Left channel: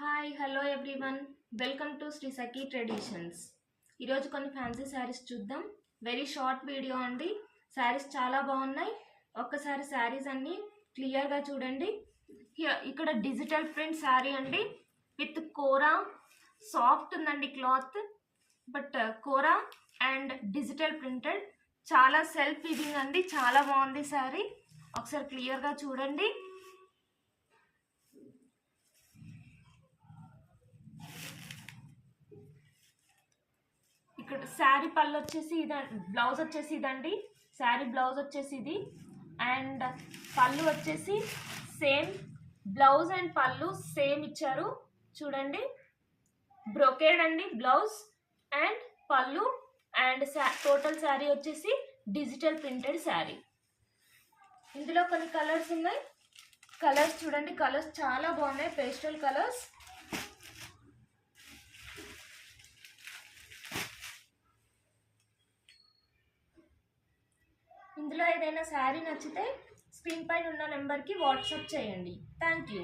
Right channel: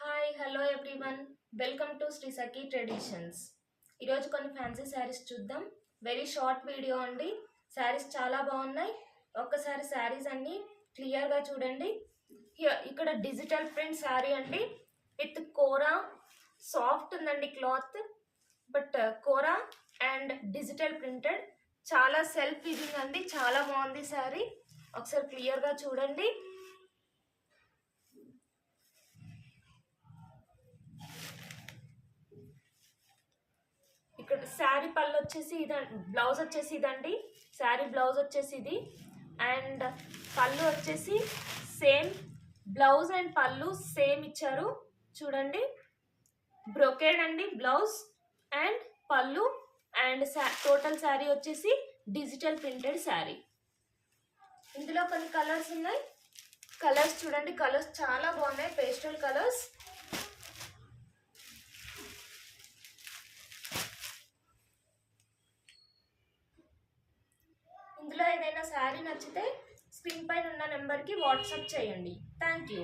Hi hello everyone, welcome to Sri Sakhi traditions. ఈరోజు కొన్ని fancy saris చూద్దాం. వెరీ షార్ట్ వీడియో అండి. శారీస్ చాలా బాగున్నాయి. ఒక్కసారి శారీస్ అన్ని క్లియర్గా చూడండి. ఇక్కడ డిజిటల్ ప్రింట్ శారీ అండి విత్ కోరా. సాఫ్ట్ ఉందండి cloth, but kora and digital printed. చాలా సెల్ఫ్ వీవింగ్ అండి, చాలా బాగుంది శారీ. ఒకసారి క్లియర్గా చూడండి. ఇక్కడ శారీ పళ్ళు వచ్చేసి ఇదండి, బ్లౌజ్ వచ్చేసి ఇదండి. శారీ బ్లౌజ్ వచ్చేసి ఇది అండ్ పళ్ళు వచ్చేసి సేమ్. బ్లౌజ్ అండ్ పళ్ళు సేమ్ ఇచ్చారు చూడండి. బ్రొకేడ్ అండి బ్లౌజ్ అండ్ పళ్ళు. అండ్ టోటల్ శారీ వచ్చేసి డిజిటల్ ప్రింటెడ్ శారీ. ఇందులో కొన్ని కలర్స్ ఉన్నాయి. కలర్స్ చూడండి, కలర్స్ చాలా బాగున్నాయి, పేస్టల్ కలర్స్. ఇందులో ఏదైనా శారీ నచ్చితే స్క్రీన్ పైన ఉన్న నెంబర్కి వాట్సాప్ చేయండి. Thank you.